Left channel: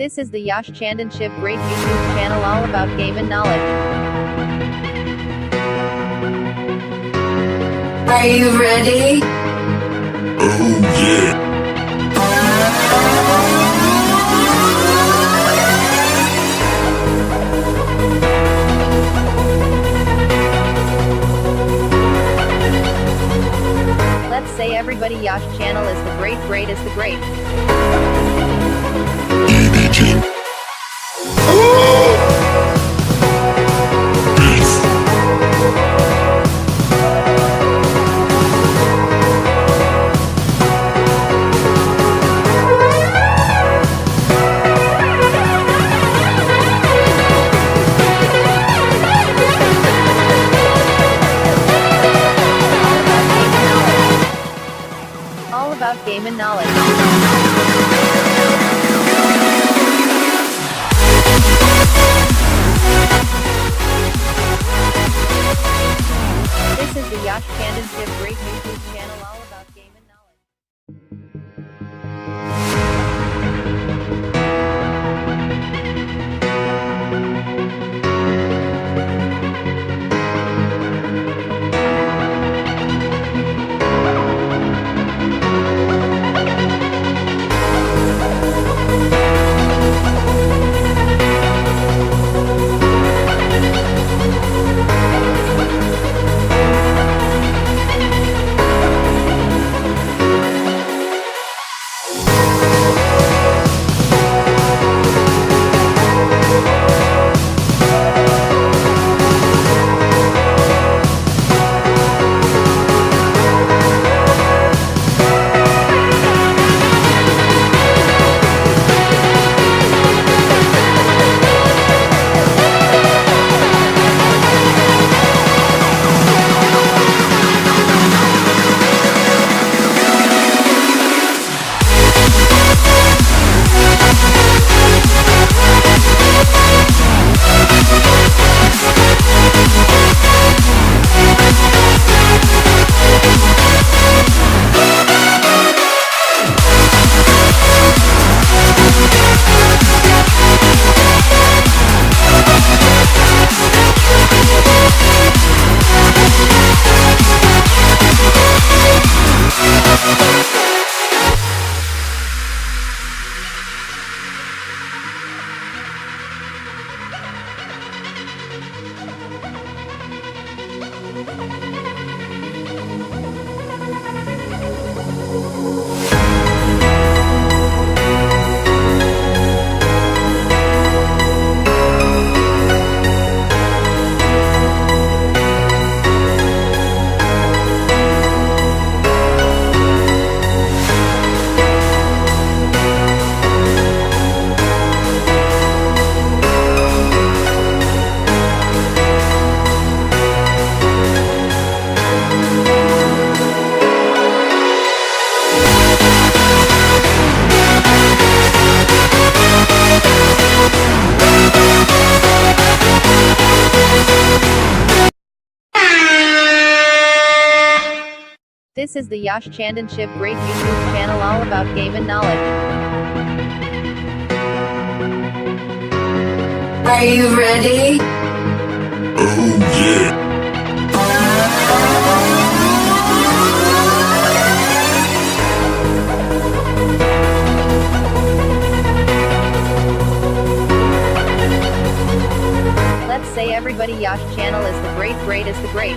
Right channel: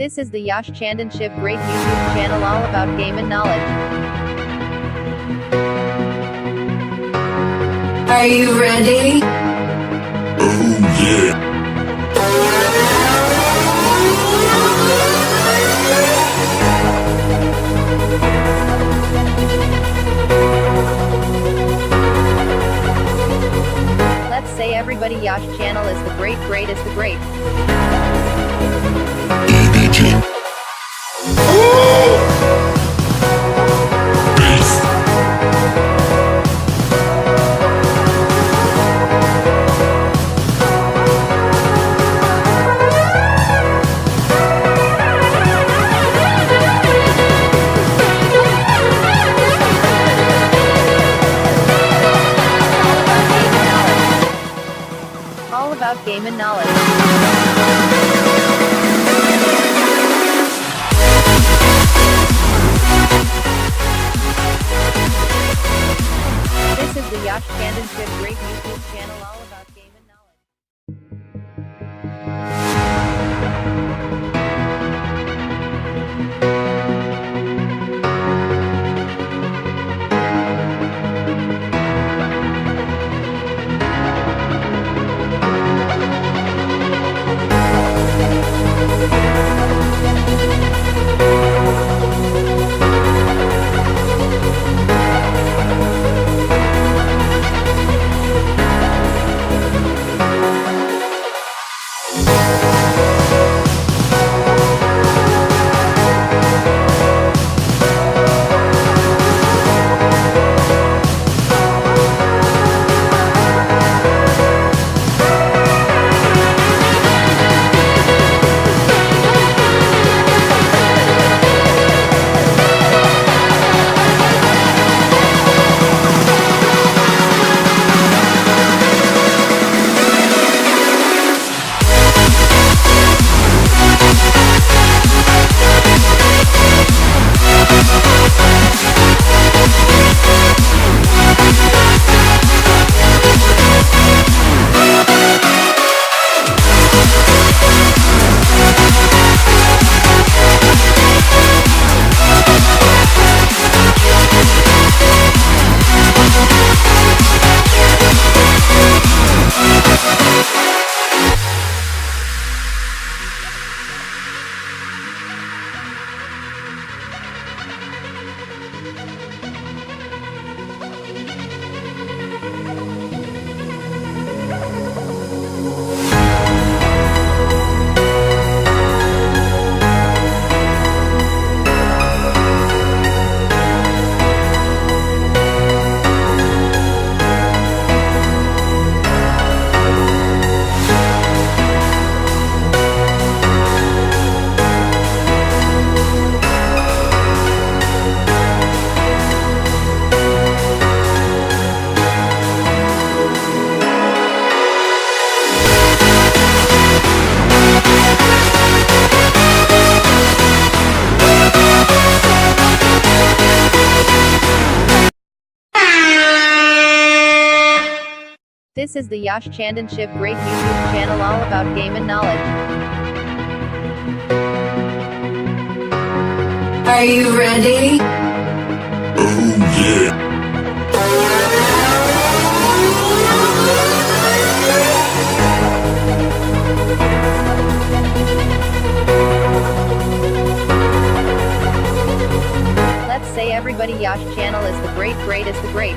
This is the Yash Chandanship Great YouTube channel all about game and knowledge. Are you ready? Oh yeah. Let's say everybody Yash channel is the great is the great. EDG. Oh! Peace. All about game and knowledge. This is the Yash Chandanship Great YouTube channel all about game and knowledge. This is the Yash Chandanship Great YouTube channel all about game and knowledge. Are you ready? Oh yeah. Let's say everybody Yash channel is the great is the great.